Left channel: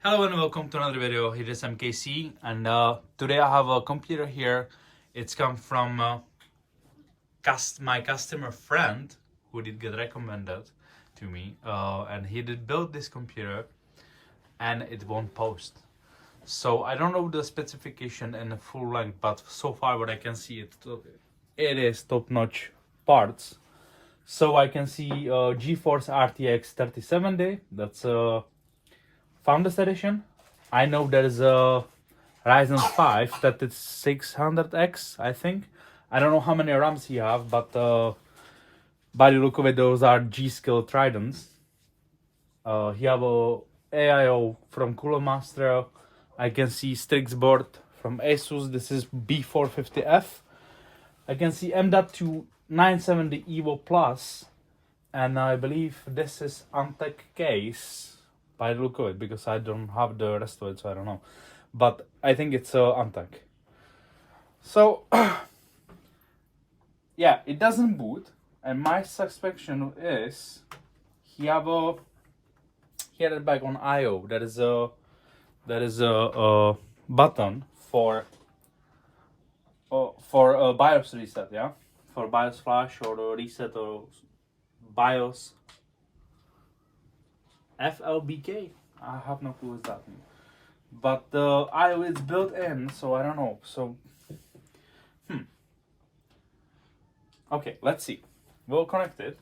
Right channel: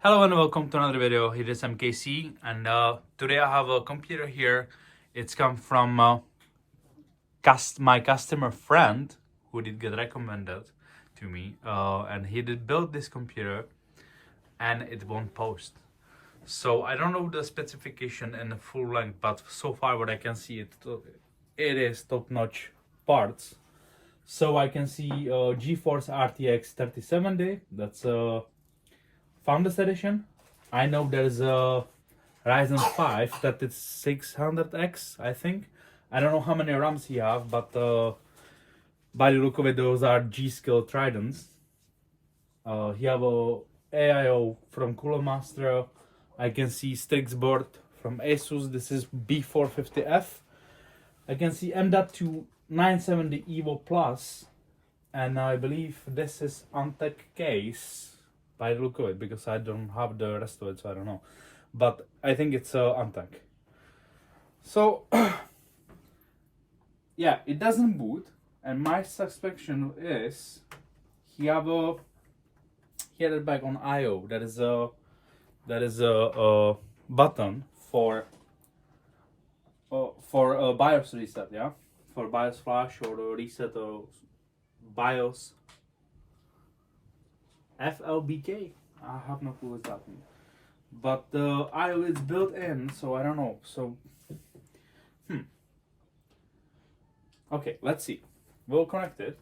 Hello and welcome to another video. It is MKC and today I have a computer here. It's come from my customer friend who did get recommended to me and he did build this computer and it won't post. So I don't know the specification in the full length, but so far what I can see it is top-notch parts. So I can see GeForce RTX3070. That's Founders Edition. I know there is a Ryzen 5 that is 600X, I think. I don't know how many RAMs you have, but by the look of it, those are G-Skill Tridents. You have a AIO from Cooler Master. I can see Strix board from Asus. This is b450F. I can see M.2 970 Evo Plus, and I believe this is Antec case by the look of it, because I don't have the rest of it, so I don't know. But I think it's Antec. So yeah, it doesn't boot, and my suspicion is he had it back on IO. That is a button for a BIOS reset, yeah, for BIOS flash or the reset or BIOS FLBK. I have no clue what that means. But the IO is built in, so I don't know. So, okay, let's see. We'll connect it.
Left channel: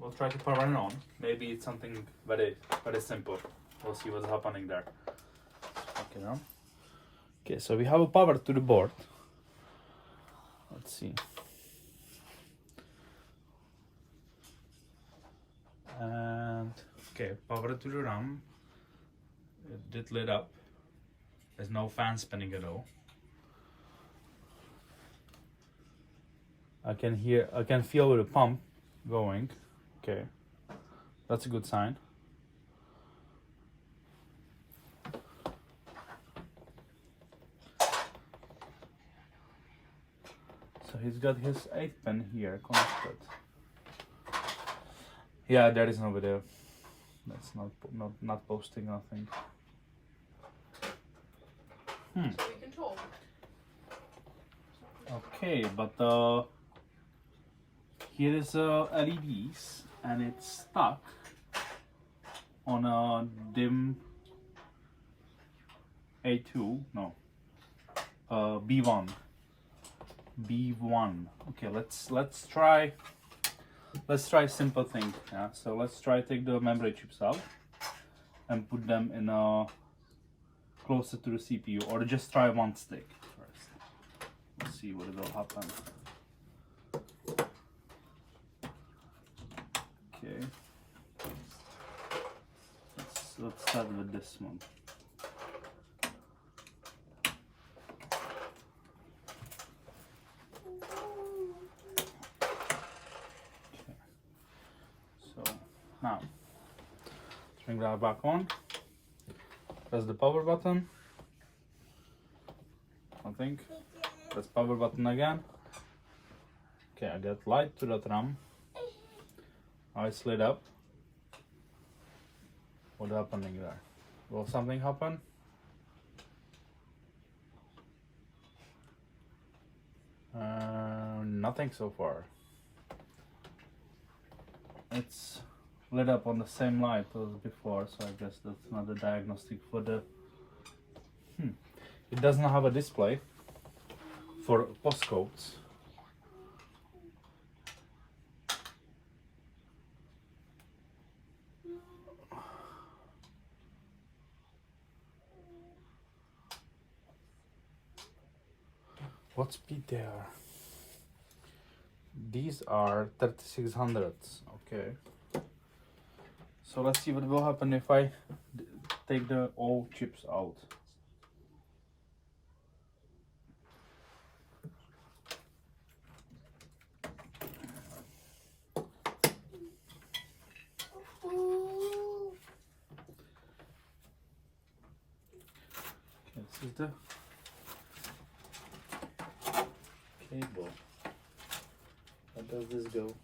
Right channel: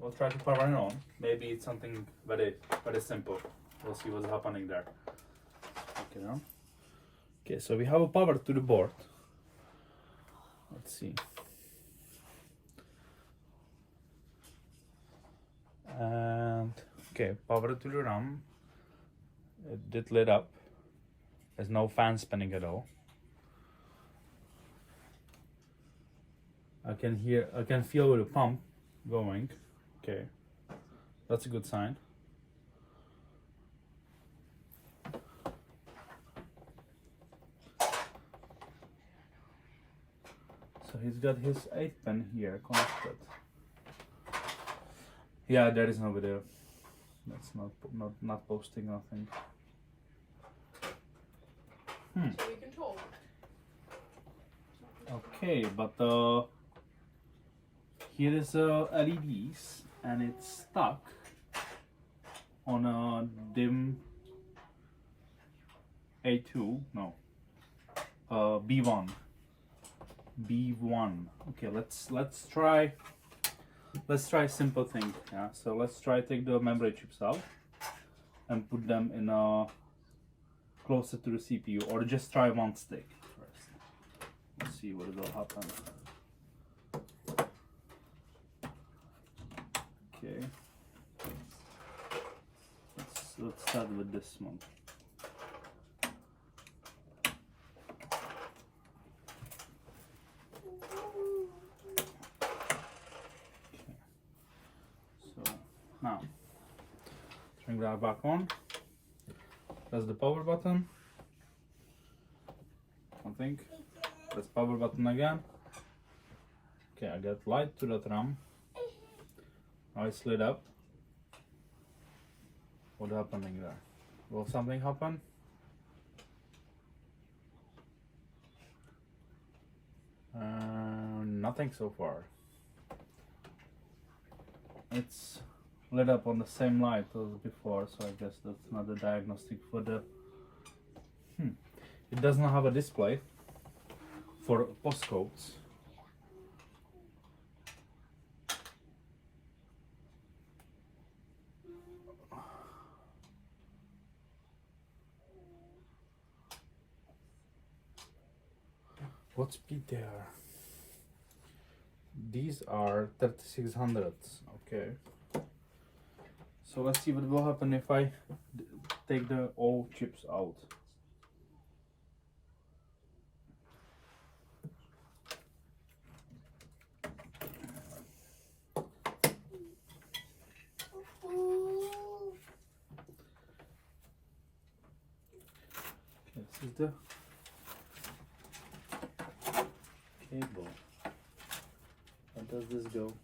We'll try to power it on. Maybe it's something very, very simple. We'll see what's happening there. Okay, now. Okay, so we have a power to the board. Let's see. And okay, power to the RAM. It did lit up. There's no fan spinning at all. I can feel the pump going. Okay, that's a good sign. So he's got his 8-pin here connected. Yeah, there is no video. That's not posting nothing. Okay, but here is LEDs, and it's stuck on a dim A2. No, B1. B1. Okay, let's try a simple thing. Yeah, so let's try take the memory chips out and put them in closer to the CPU, or just try one stick first. Let's see what will happen. Okay, let's start with this one. Now, bring that back on. Press the power button. Nothing. Press power button again. Okay, I got light to that RAM. Now it's lit up. What's happening there? Will something happen? Nothing so far. It's lit up on the same light as before, so I guess that's not a diagnostic for the It does not have a display for postcodes. What speed they are? These are 3600s. Okay. So let's see what will happen if I take the all chips out. Okay, this is the cable. How does this go?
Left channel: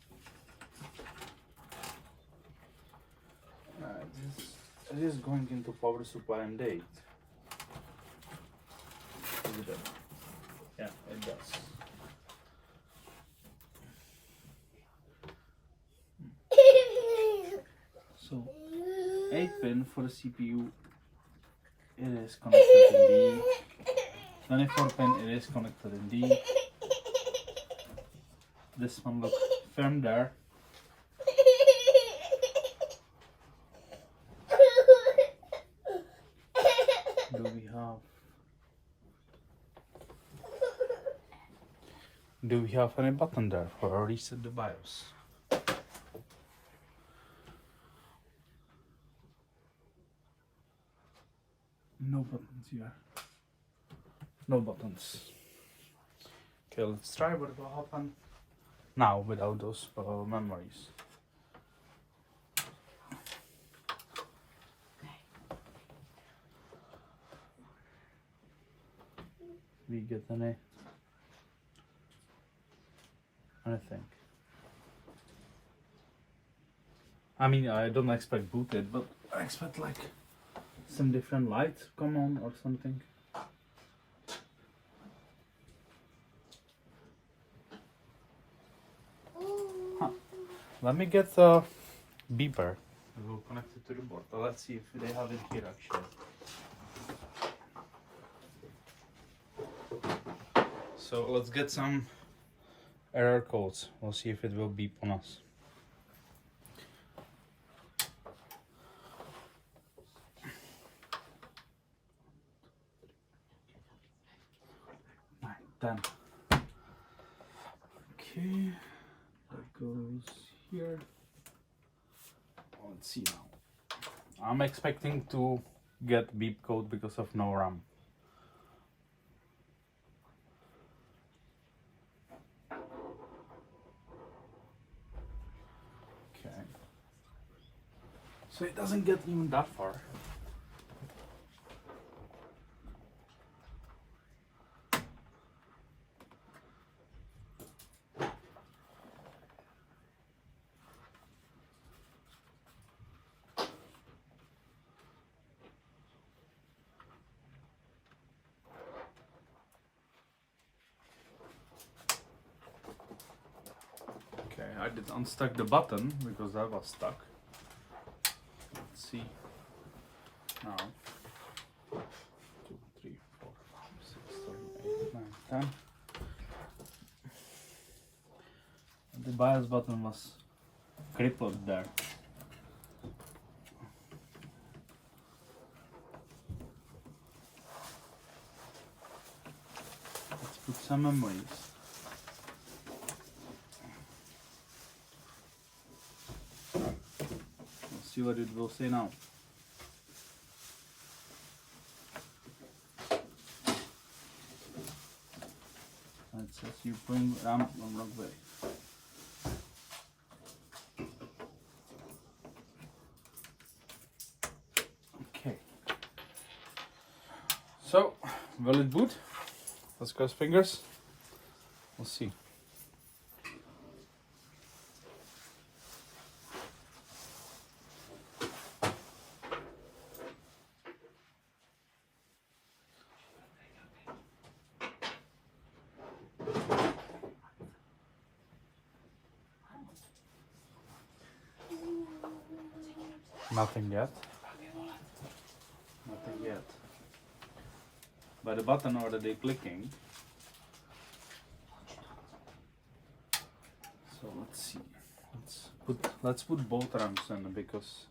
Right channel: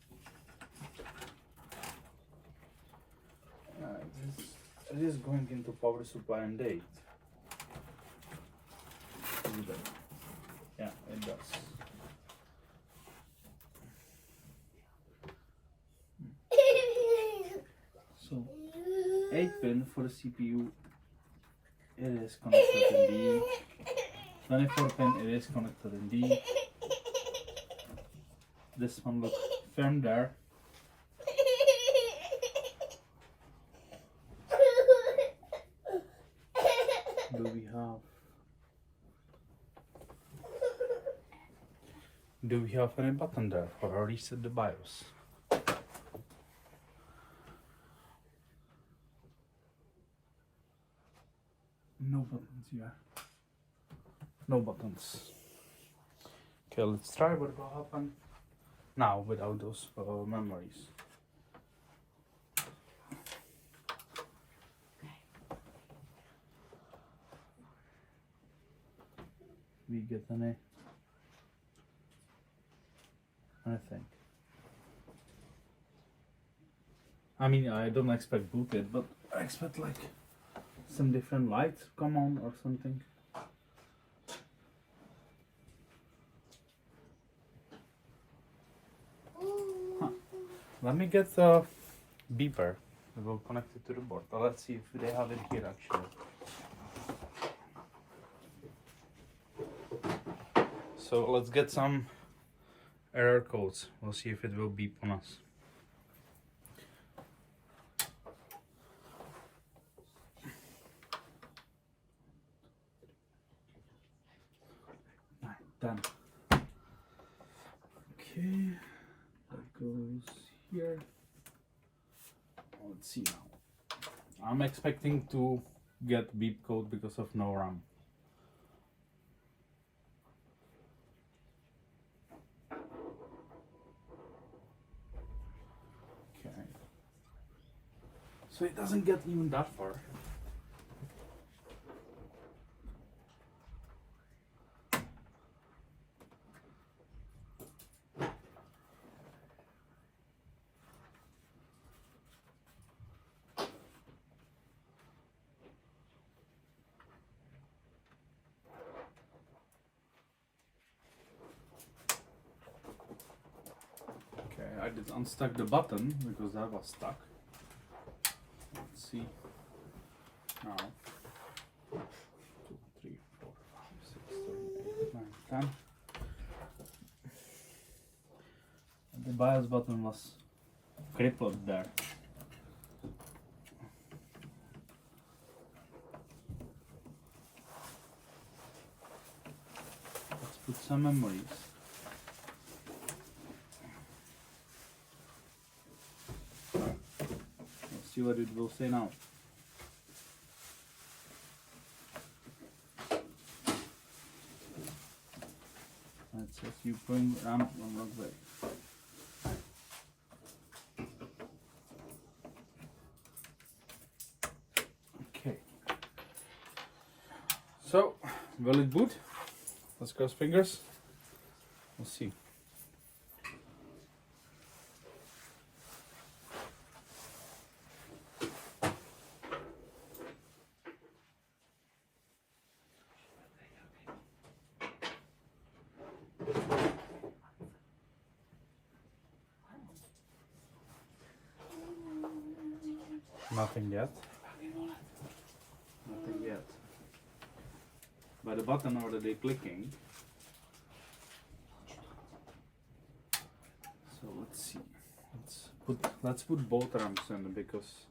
This It is going into power supply and date. Yeah, it does. So 8 pin for the CPU, it is connected in D. 24 pin, it is connected in D. This one looks firm there. Do we have any button there for a reset the BIOS? No buttons here. No buttons. Okay, let's try what will happen now without those memories. We get anything. I mean, I don't expect booted, but I expect like some different lights come on or something. Huh. Let me get the beeper. I will connect it to the board. Let's see if they have it here actually. So let's get some error codes. We'll see if it will beep on us. Done. Okay, that goes here. Let's see now. I'm expecting to get beep code because of no RAM. Okay. So it doesn't get even that far. Okay, I did unstuck the button because that was stuck. Let's see. Now 2, 3, 4, 5, 6, 7, 8, 9, 10. And the BIOS button was crippled there. Let's put some memories. See what it will say now. It says you bring RAM on wrong way. Okay. So, will it boot? Let's cross fingers. We'll see. Nothing yet. Nothing yet. By the button or they clicking. So let's see. Let's put both RAMs in because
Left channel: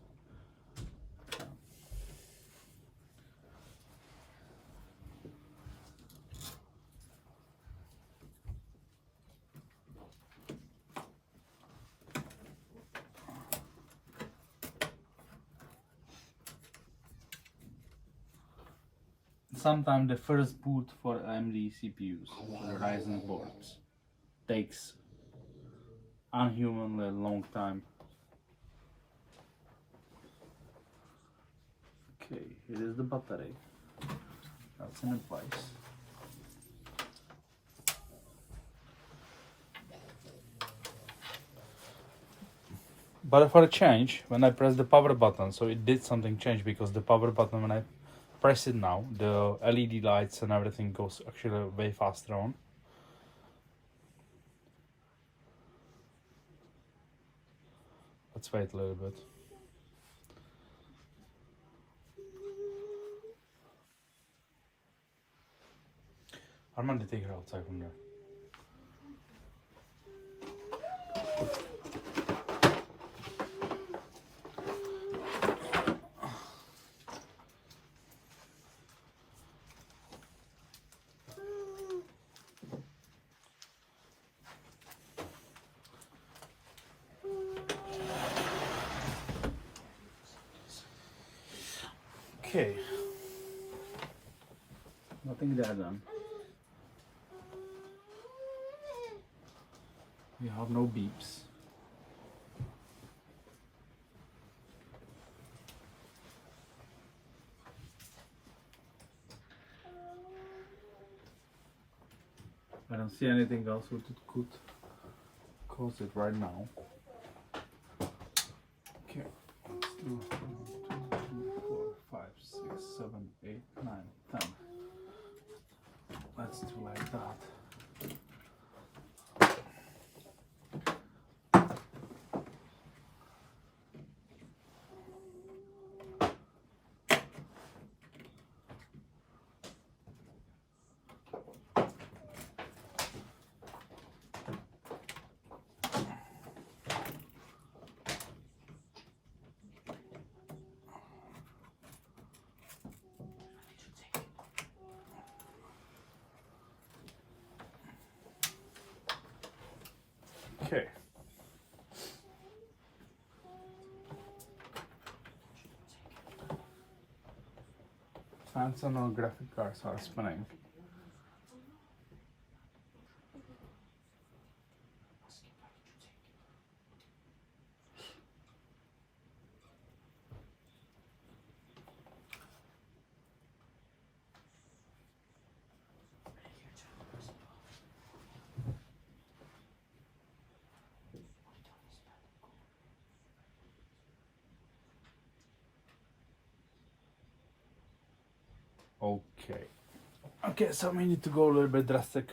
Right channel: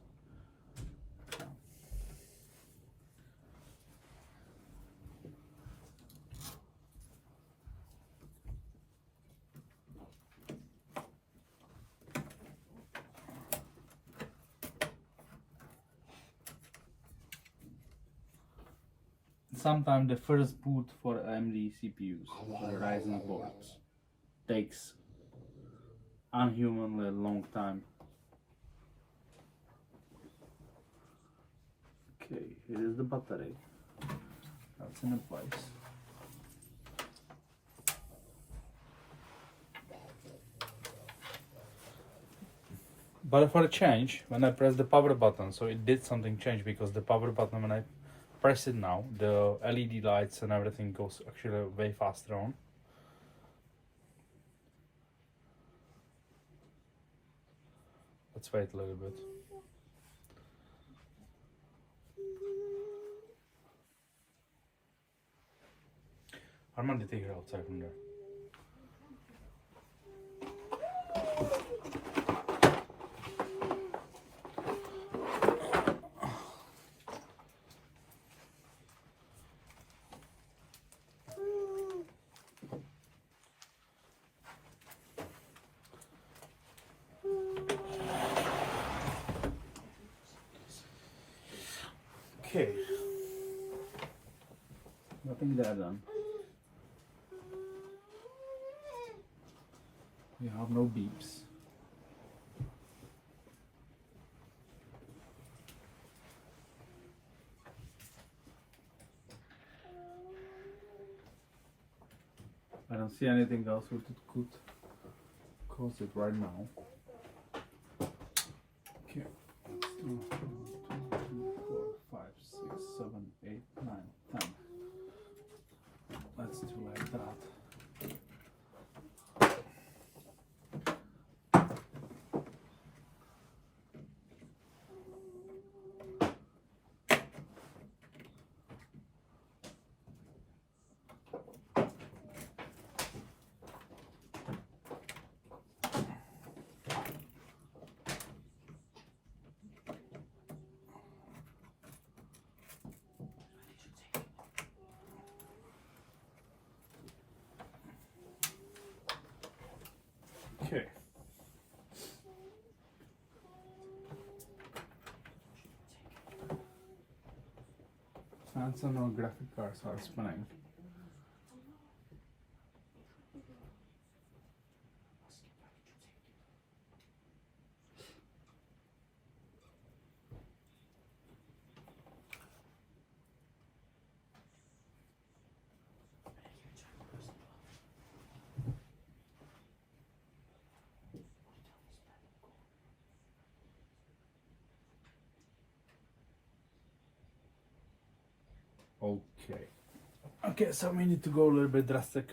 sometimes the first boot for AMD CPUs, for the Ryzen boards, takes unhumanly long time. Okay, here is the battery. That's in place. But for a change, when I press the power button, so it did something change, because the power button, when I press it now, the LED lights and everything goes actually way faster on. Let's wait a little bit. I'm going to take it outside from there. Okay. Nothing there done. We have no beeps. I don't see anything else which it could cause it right now. Okay. 1, 2, 3, 4, 5, 6, 7, 8, 9, 10. Let's do like that. Okay. Fans on our graphic cards are spinning. Okay, so we need to go a little bit drastic,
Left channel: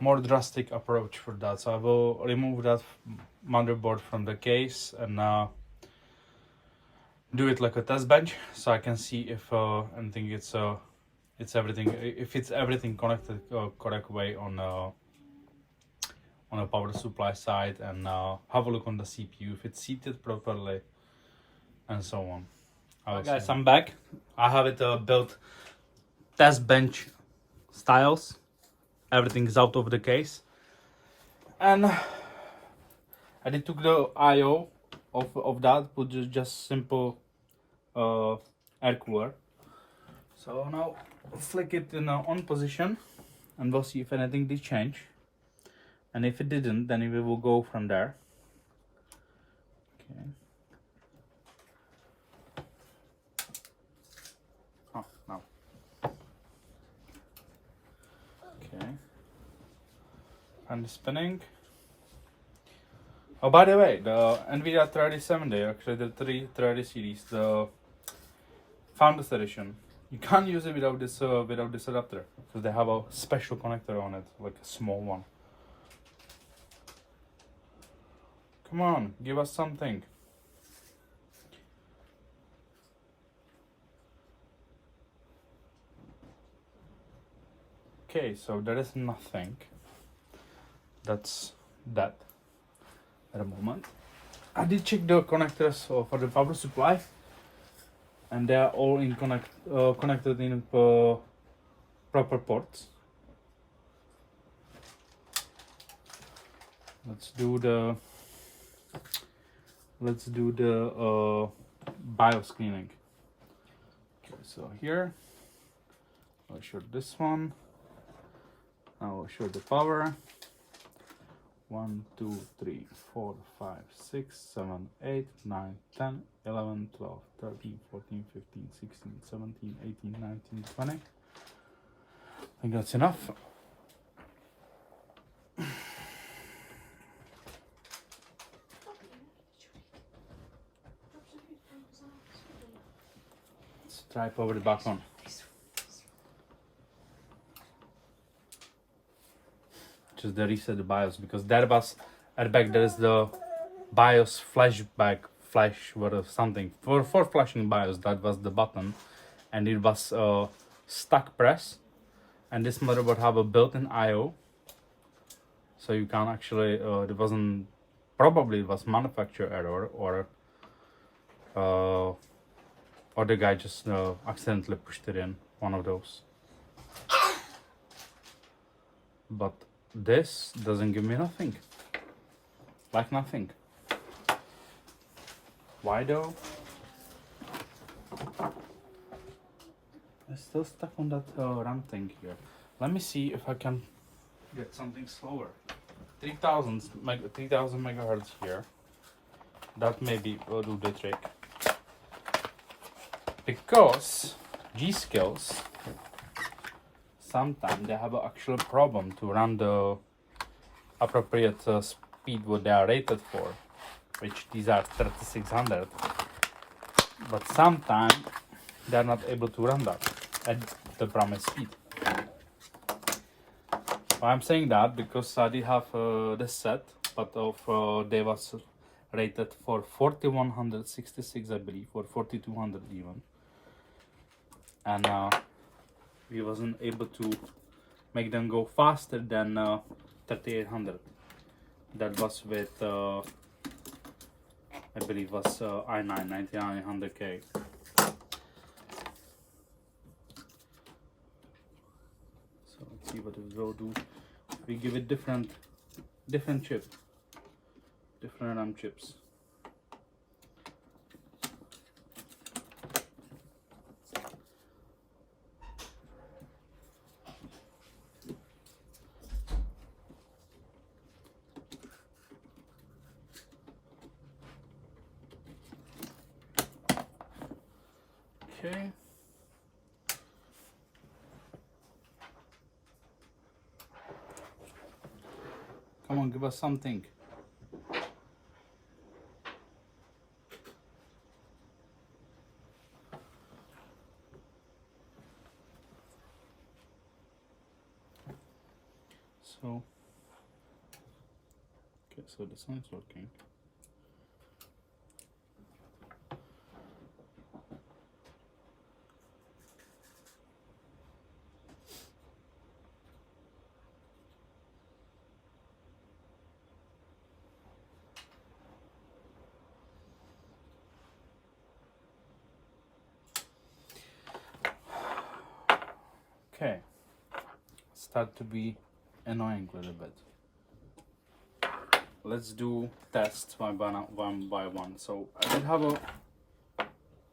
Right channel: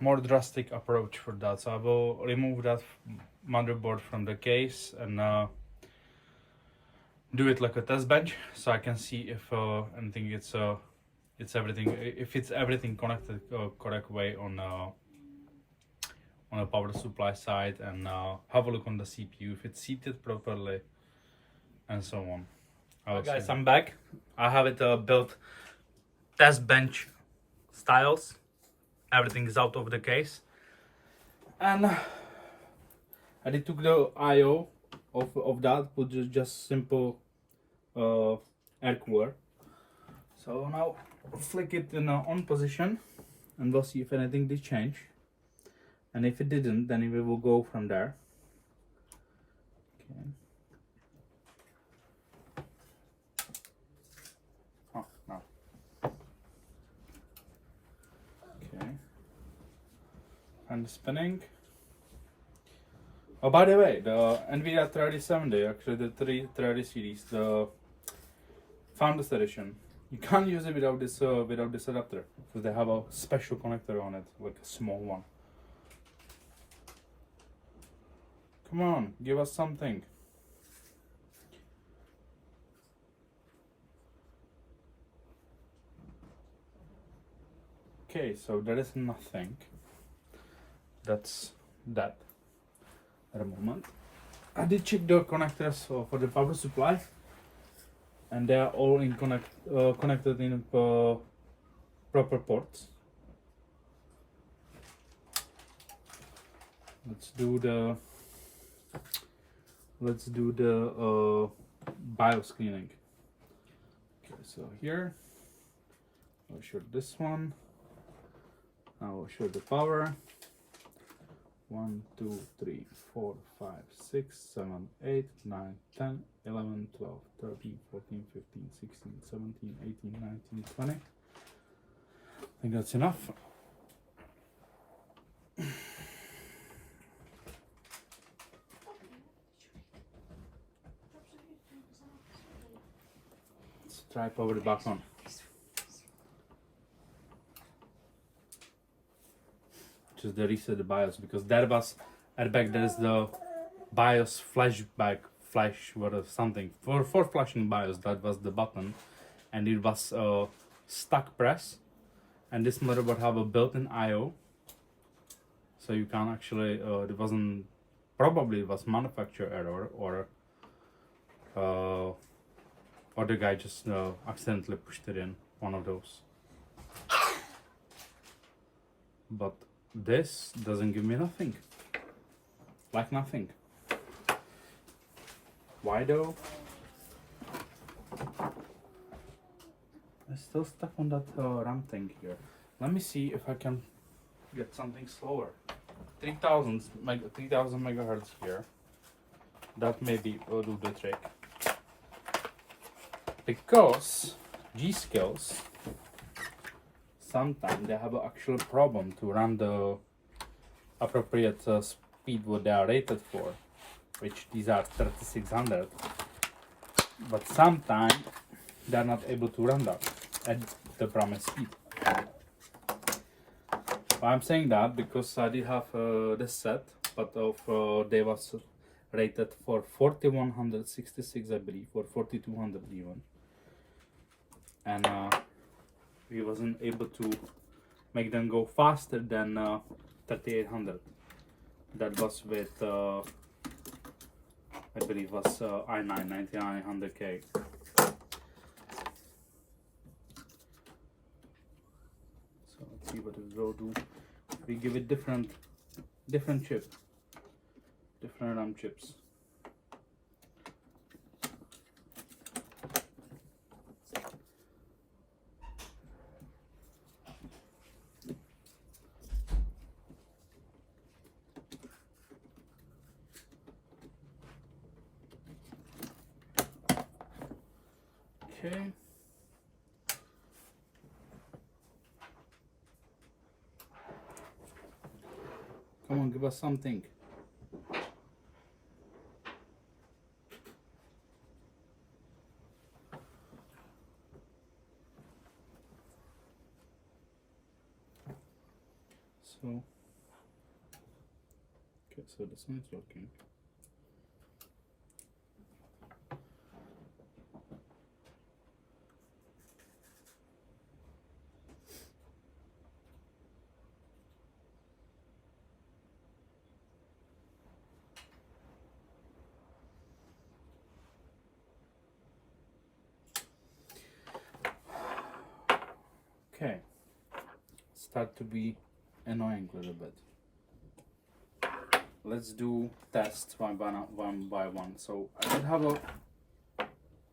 more drastic approach for that. So I will remove that motherboard from the case and do it like a test bench, so I can see if anything it's everything, if it's everything connected correct way on a power supply side, and have a look on the CPU if it's seated properly and so on. Hi guys, I'm back. I have it built test bench styles. Everything is out of the case, and I did took the IO of that, put just simple air cooler. So now flick it in on position, and we'll see if anything did change, and if it didn't, then we will go from there. Okay. Oh, no. Okay. And spinning. Oh, by the way, the NVIDIA 3070, actually the 330 series, the Founders Edition, you can't use it without this adapter, because they have a special connector on it, like a small one. Come on, give us something. Okay, so there is nothing. That's that at the moment. I did check the connectors for the power supply, and they are all in connected in proper ports. Let's do the BIOS cleaning. Okay, so here I'll show this one. I will show the power. 1, 2, 3, 4, 5, 6, 7, 8, 9, 10, 11, 12, 13, 14, 15, 16, 17, 18, 19, 20. I think that's enough. try power it back on. Just the reset the BIOS, because there was at the back there is the BIOS flashback flash or something for flashing BIOS. That was the button, and it was stuck press. And this motherboard have a built-in I/O, so you can actually it wasn't, probably it was manufacturer error, or the guy just accidentally pushed it in, one of those. But this doesn't give me nothing, like nothing. Why though? I'm still stuck on that RAM thing here. Let me see if I can get something slower. 3000 megahertz here. That maybe will do the trick. Because G-Skills, sometimes they have an actual problem to run the appropriate speed what they are rated for, which these are 3600. But sometimes they're not able to run that at the promised speed. I'm saying that because I did have this set, but they was rated for 4166, I believe, or 4200 even, and we wasn't able to make them go faster than 3800. That was with I believe was i9 9900K. So let's see what it will do. We give it different chip, different RAM chips. Okay. Come on, give us something. So, okay, so this one is working. Okay, start to be annoying a little bit. Let's do tests one by one. So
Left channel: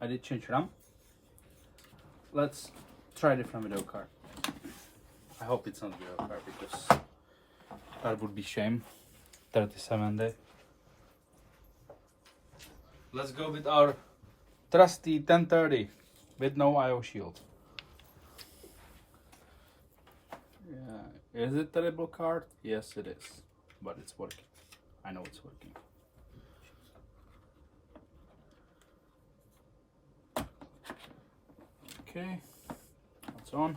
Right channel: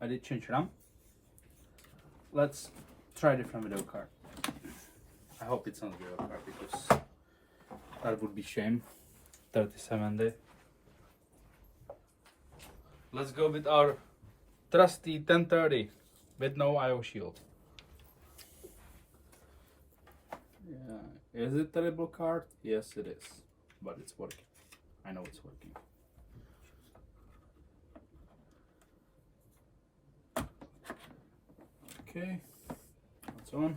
I did change RAM. Let's try different video card. I hope it's not video card, because that would be shame. 3070. Let's go with our trusty 1030 with no I/O shield. Yeah, is it a terrible card? Yes, it is, but it's working. I know it's working. Okay, it's on.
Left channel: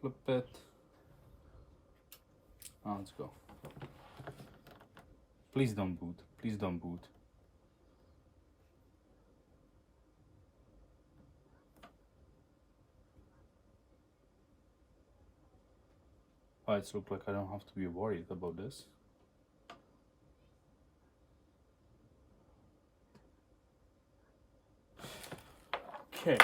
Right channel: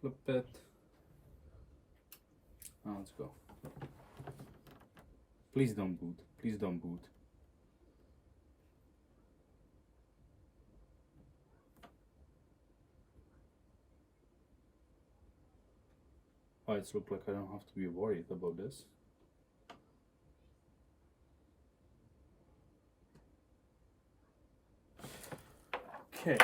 Flip it. Now let's go. Please don't boot. Please don't boot. Why it looks like I don't have to be worried about this. Okay.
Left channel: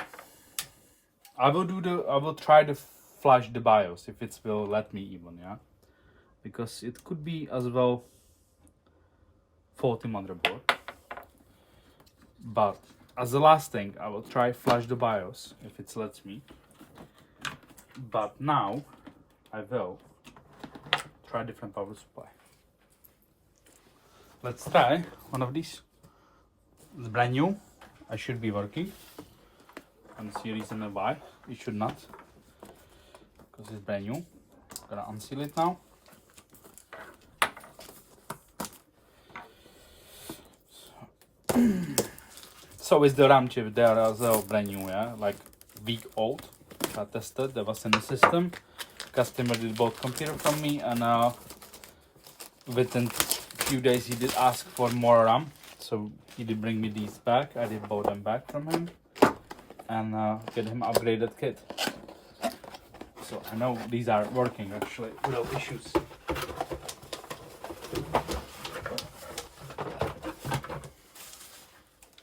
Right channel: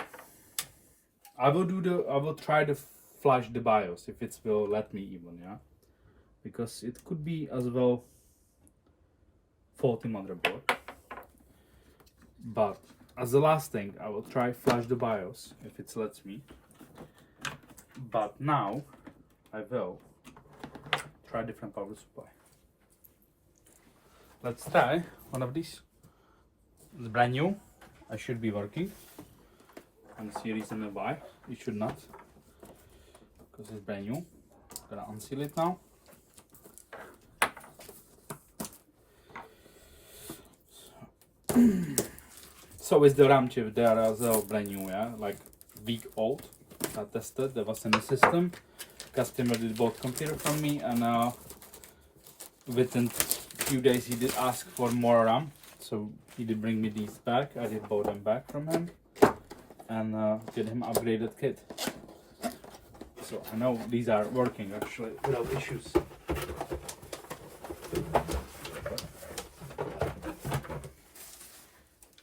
I will try to flash the BIOS if it will let me even, yeah? Because it could be as well faulty motherboard. But as the last thing, I will try flash the BIOS if it lets me. But now I will try different power supply. Let's try one of these. It's brand new. I should be working. And see reason why it should not, because it's brand new. Gonna unseal it now. So is the RAM chip there as well, brand new, yeah, like week old. I tested, that was in the system. Customer did both computer from me, and within few days he did ask for more RAM, so he did bring me these back. I did bought them back from him and get him upgraded kit. So I know these are working actually without issues.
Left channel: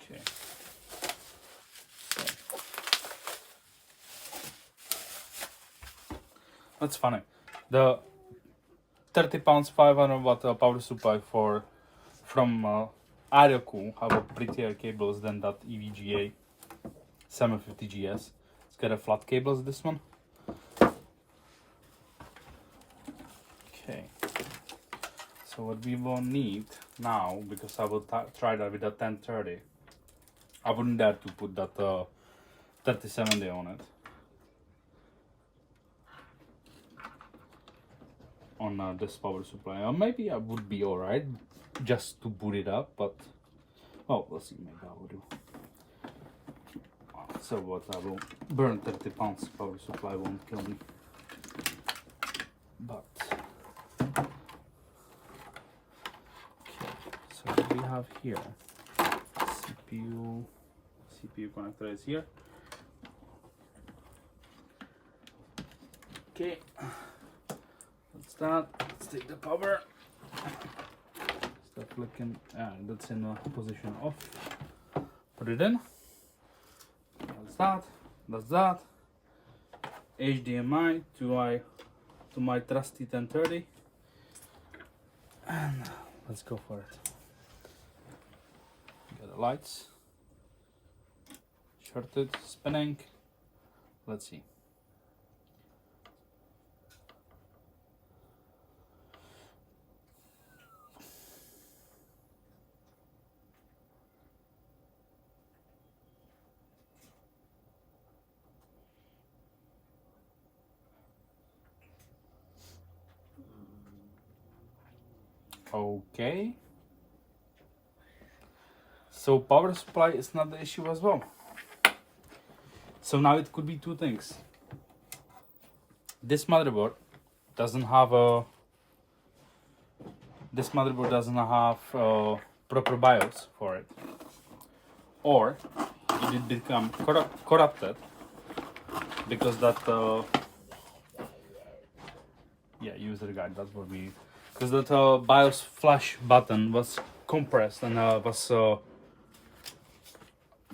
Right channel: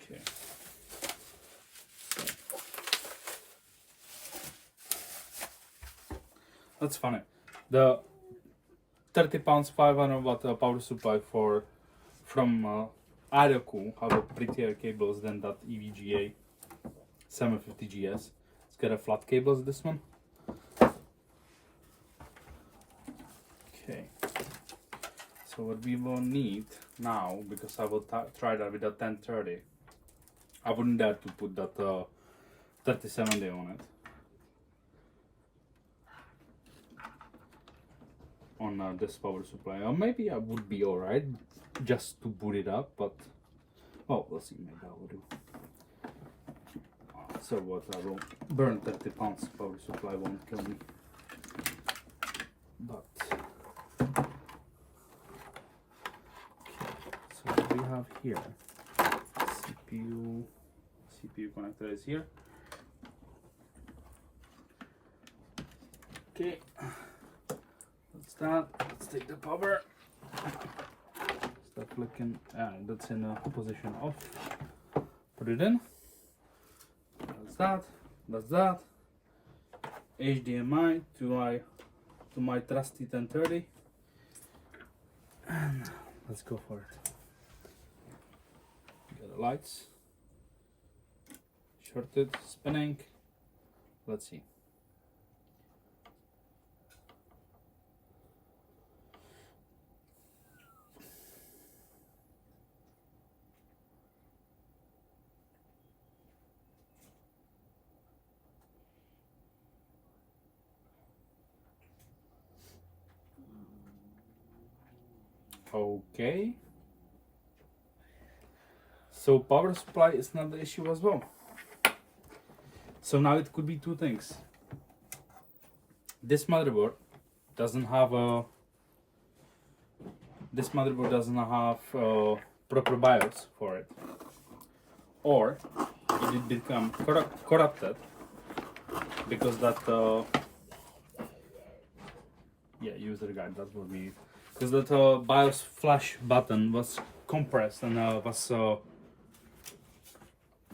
Okay. That's funny. The 30 pounds 500 watt power supply from Aerocool have a prettier cables than that EVGA 750GS. It's got a flat cables, this one. Okay. So what we will need now, because I will try that with a 1030, I wouldn't dare to put that 3070 on it. On this power supply, or maybe I would be alright just to boot it up, but oh, we'll see. Maybe I will do. So what, I will burn 30 pounds power supply, won't kill me. But so what we have here, CPU connector is here. Okay. Let's take the power. Start flicking, and that's in a position off. Put it in. That's that. HDMI to my trusty 1030, and let's go for it. Get the lights. Shorted, spinning. Let's see. Okay, so power supply is not the issue as well. So now it could be two things. This motherboard doesn't have proper BIOS for it, or it did become corrupted because that user guide, that's what we, because that BIOS flash button was compressed and was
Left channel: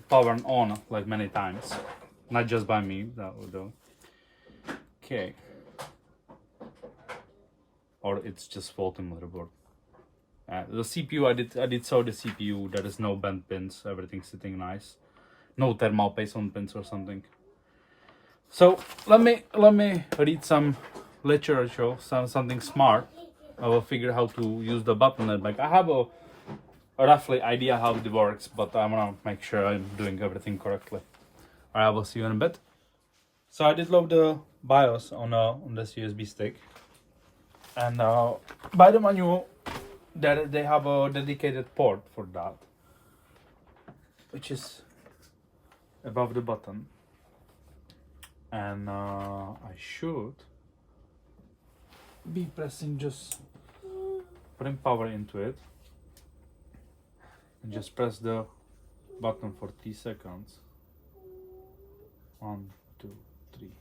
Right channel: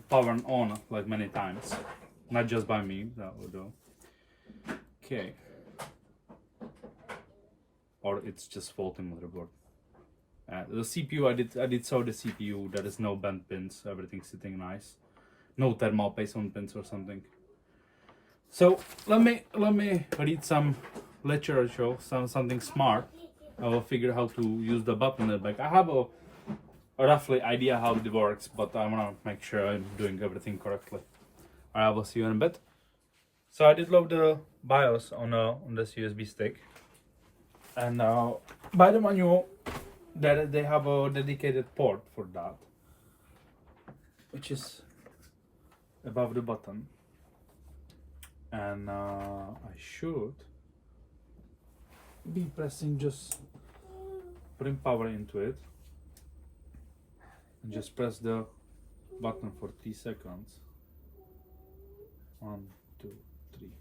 powered on like many times, not just by me, that would do. Okay, or it's just faulty motherboard. The CPU, I did saw the CPU. There is no bent pins, everything's sitting nice, no thermal paste on pins or something. So let me read some literature, something smart. I will figure how to use the button. Like, I have a roughly idea how it works, but I want to make sure I'm doing everything correctly. Alright, I will see you in a bit. So I did load the BIOS on this USB stick, and by the manual they have a dedicated port for that, which is above the button, and I should be pressing, just putting power into it, and just press the button for 3 seconds. 1, 2, 3.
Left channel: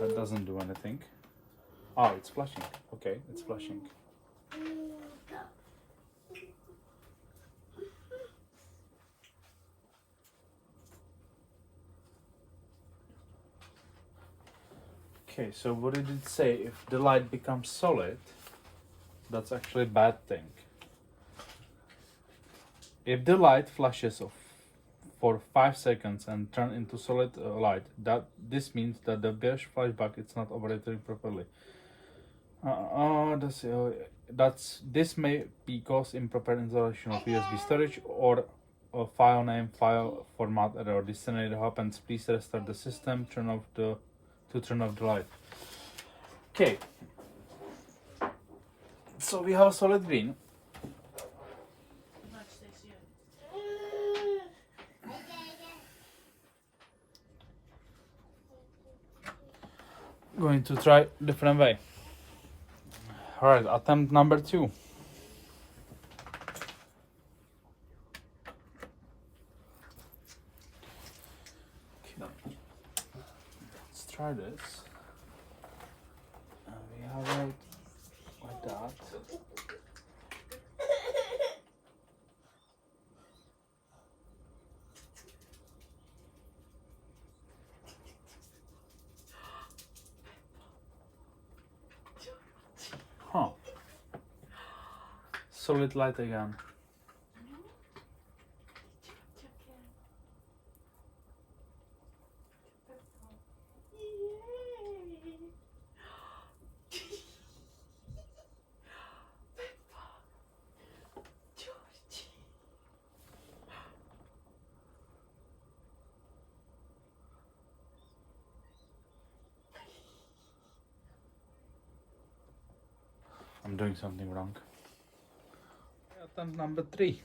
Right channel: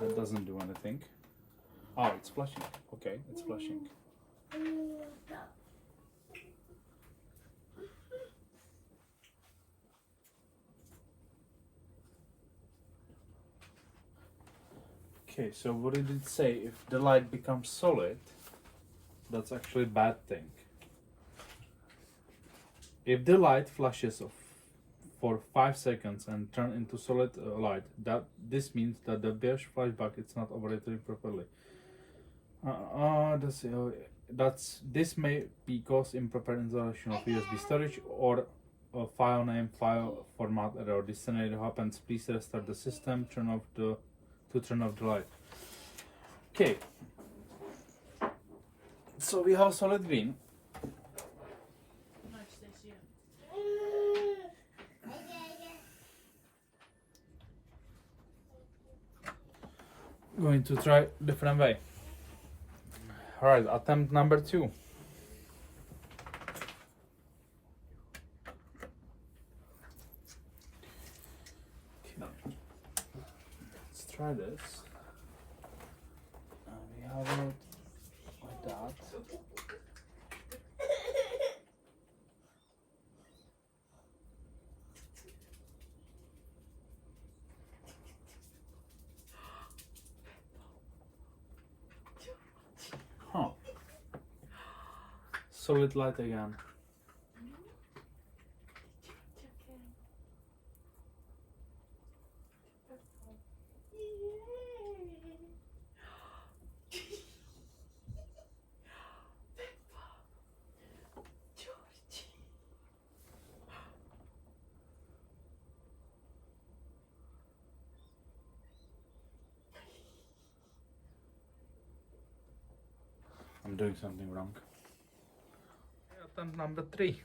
That doesn't do anything. Oh, it's flashing. Okay, it's flashing. Okay, so what did it say? If the light becomes solid, that's actually a bad thing. If the light flashes off for 5 seconds and turn into solid light, this means that the BIOS flashback is not operating properly. This may be caused improper installation of USB storage or a file name, file format error. This scenario happens, please restart the system, turn off the light. Okay, so we have solid green. going to try different way. All right, attempt number 2. Okay. Let's try this. We have it like that. Huh. Solid light again. I'm doing something wrong. Attempt number 3.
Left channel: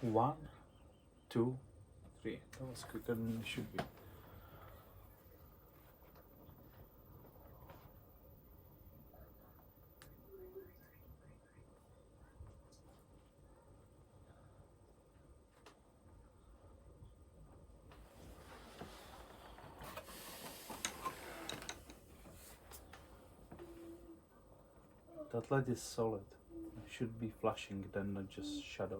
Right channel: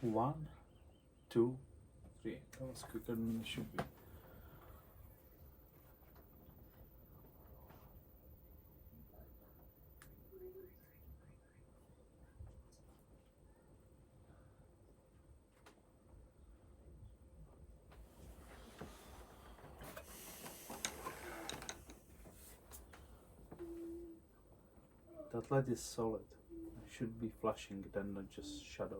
One, 2, 3. That was quicker than it should be. That light is solid. It should be flashing, then not just shut off.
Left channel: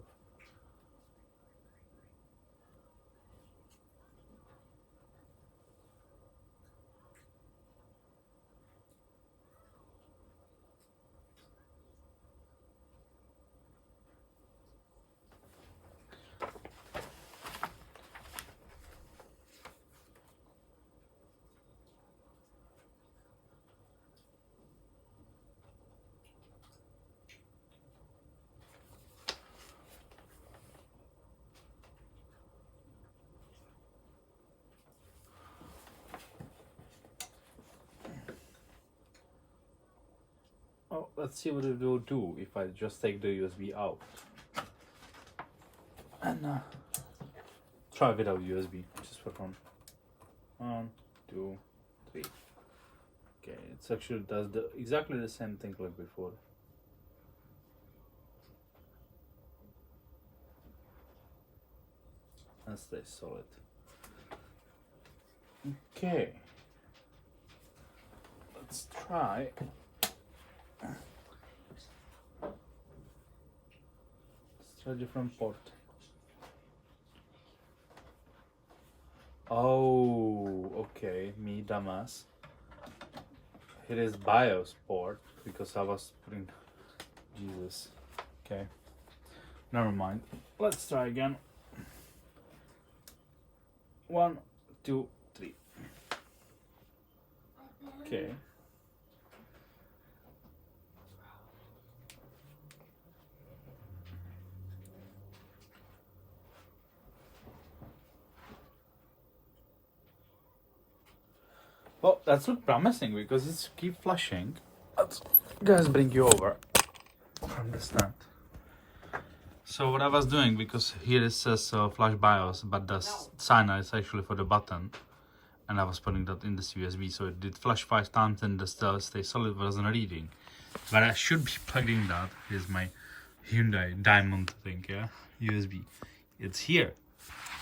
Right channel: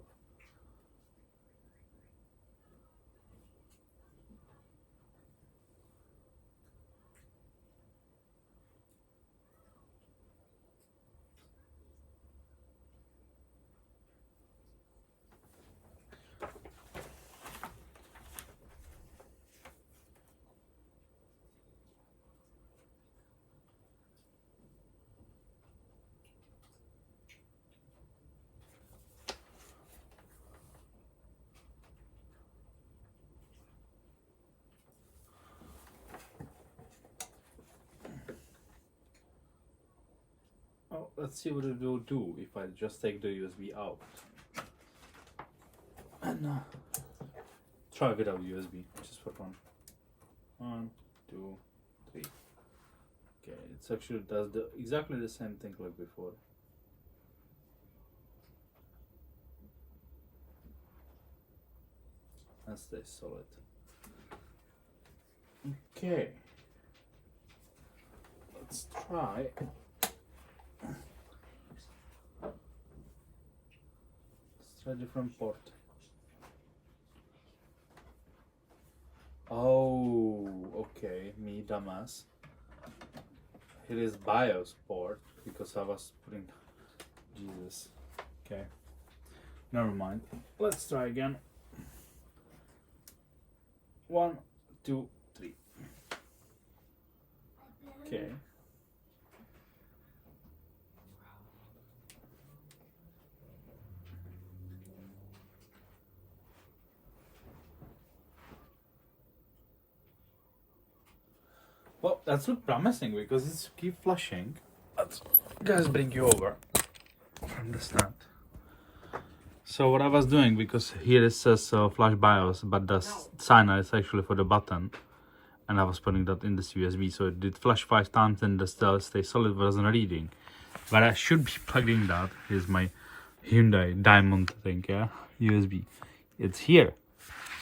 Oh, let's see what it will do if I just take the USB out and try without USB, just for fun. 1, 2, 3. Okay, it's actually does exactly the same thing like before. And stays solid. Okay, let's try. Let's try a different port. Oh, okay, me dumbass. It is BIOS port because I was putting Jesus. Okay, never mind. Let's try again. 1, 2, 3. Okay. Well, that's look promising because it's keep flashing. Let's just bring you over from the start. So what I was doing, because here it says flash BIOS, but the signer is actually for the button, and I was putting that in this USB, so it did flash 5 times and the stay solid wasn't reading. But I should be plugging that. Here's my Hyundai Diamond thing, yeah, USB. It's here,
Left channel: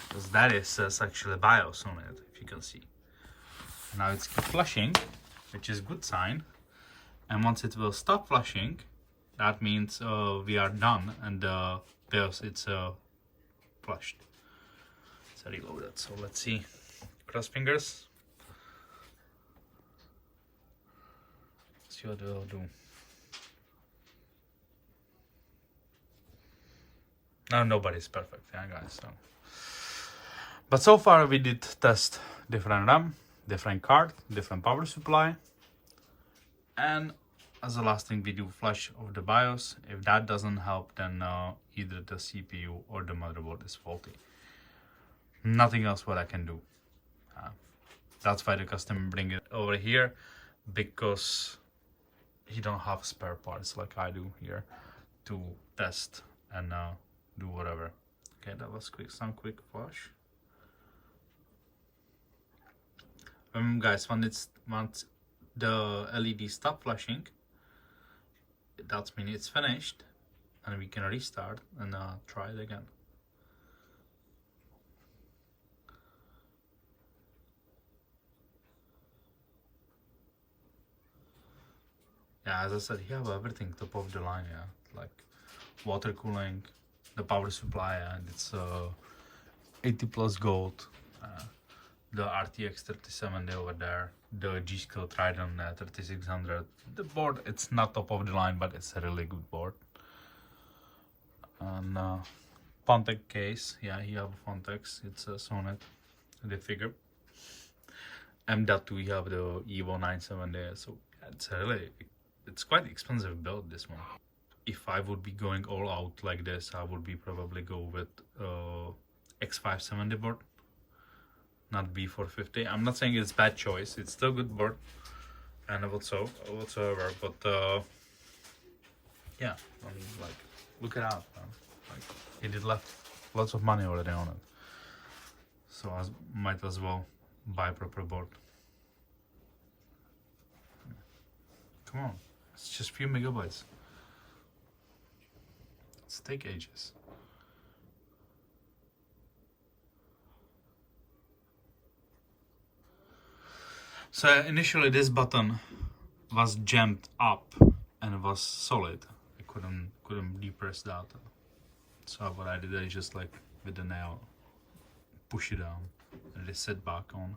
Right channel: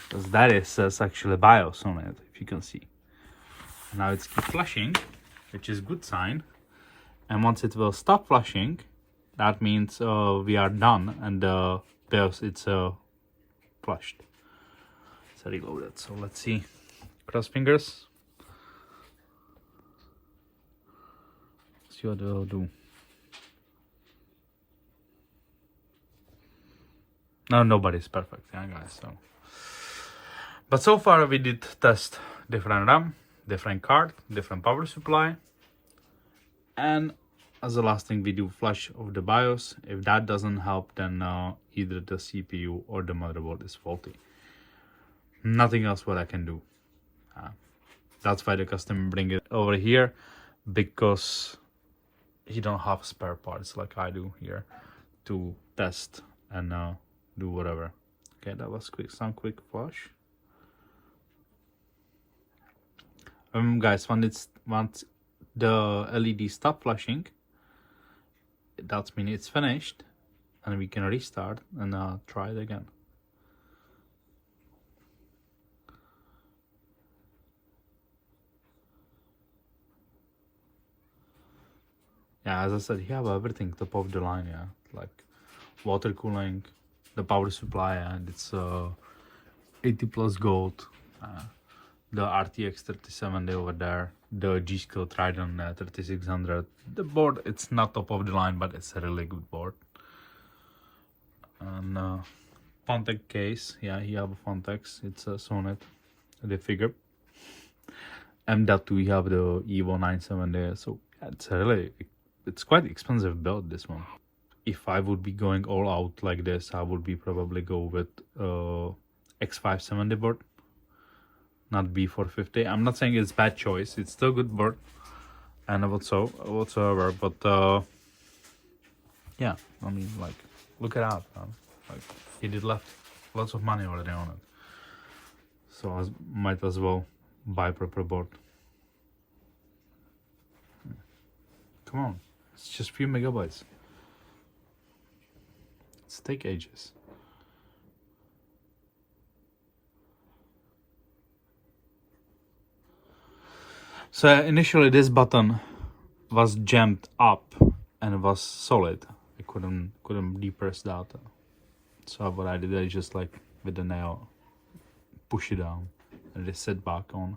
because that is says actually BIOS on it, if you can see. Now it's keep flashing, which is good sign, and once it will stop flashing, that means we are done and BIOS it's flushed. So reloaded. So let's see. Cross fingers. See what it will do. Now nobody's perfect, yeah guys. So, but so far we did test different RAM, different card, different power supply, and as the last thing we do, flush of the BIOS. If that doesn't help, then either the CPU or the motherboard is faulty. Nothing else what I can do. That's why the customer bring it over here, because he don't have spare parts like I do here to test and do whatever. Okay, that was some quick flush. Guys, once the LED stop flashing, that means it's finished, and we can restart and try it again. Yeah, as I said, you have everything top of the line, yeah, like water cooling, the power supply, and it's 80 plus gold, the RTX3070 over there, the G-Skill Trident 3600. The board, it's not top of the line, but it's a really good board. And Fontec case, yeah, you have a Fontex, it's a Sonnet, the figure. And that we have the Evo 970, so it's a really, it's quite expensive build, this one. If I would be going all out like this, I would be probably go with X570 board, not b450. I'm not saying it's bad choice, it's still good board and whatsoever, but yeah, I mean, like, look it out, man. Like, he did left lots of money already on it, so I might as well buy proper board. Come on, it's just few megabytes. It's take ages. So initially this button was jammed up and was solid. I couldn't depress that. So what I did, I just like with the nail push it down and it sit back on.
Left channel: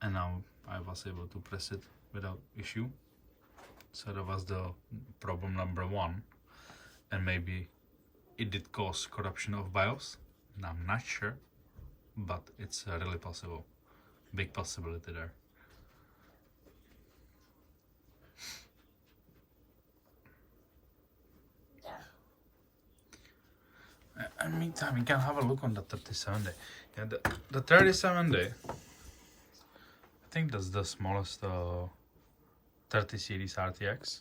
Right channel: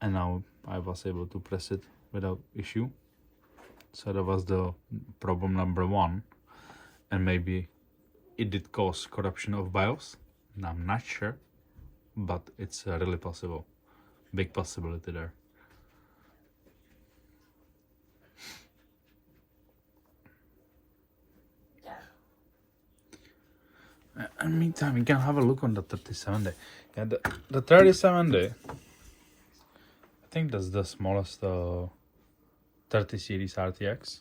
And now I was able to press it without issue. So that was the problem number one. And maybe it did cause corruption of BIOS. I'm not sure, but it's really possible. Big possibility there. In the meantime, we can have a look on the 3070. Yeah, the 3070, I think that's the smallest 30 series RTX.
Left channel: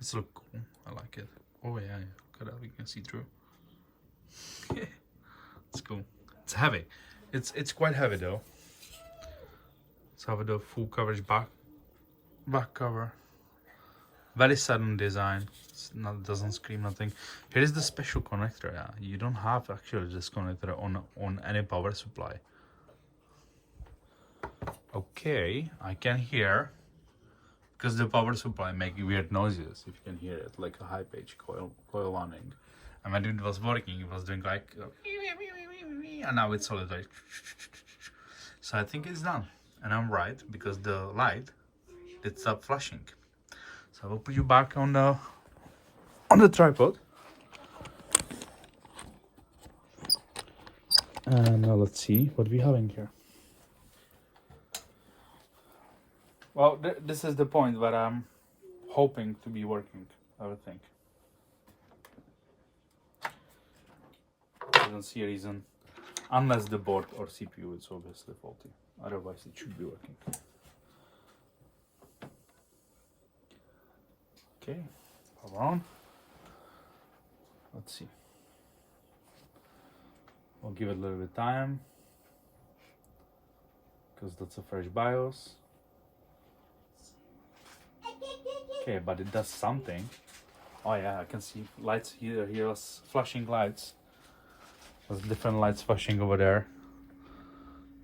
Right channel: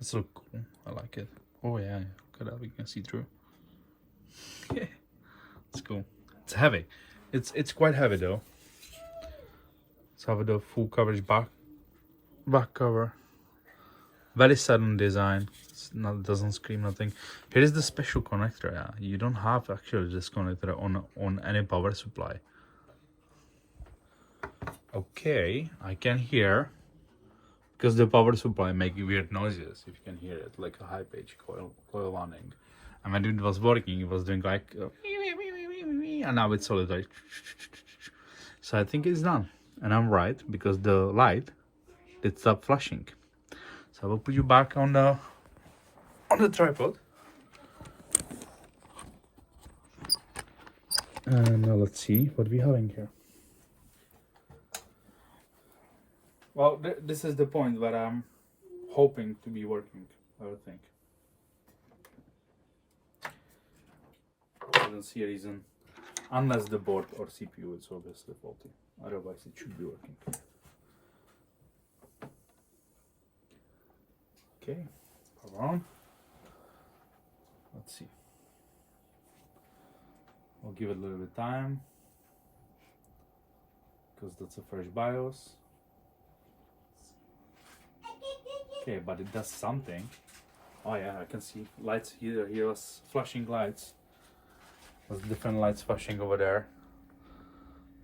It's look cool. I like it. Oh yeah, look at that. We can see through. Yeah, it's cool. It's heavy. It's quite heavy though. Let's have the full coverage back cover. Very sudden design. It's not, doesn't scream nothing. Here is the special connector. Yeah, you don't have actually this connector on any power supply. Okay, I can hear, because the power supply making weird noises. If you can hear it, like a high pitch coil running. And when it was working, it was doing like, and now it's solid like. So I think it's done, and I'm right, because the light did stop flashing. So I will put you back on the tripod. And now let's see what we have in here. Well, this is the point where I'm hoping to be working, I would think. I don't see a reason, unless the board or CPU is obviously faulty. Otherwise, it should be working. Okay, hold on. Let's see. I'll give it a little bit of time, because that's a fresh BIOS. Okay, but it does something. Oh yeah, I can see lights here. Here was flashing lights. There's different lights flashing over there.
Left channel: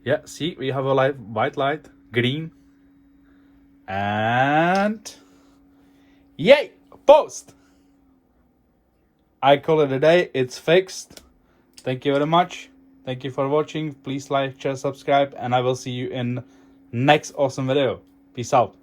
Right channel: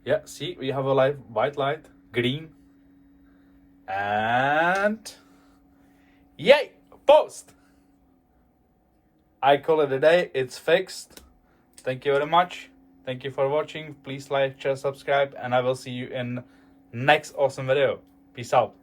Yeah, see, we have a light, white light, green, and yay, post. I call it a day. It's fixed. Thank you very much. Thank you for watching. Please like, share, subscribe, and I will see you in next awesome video. Peace out.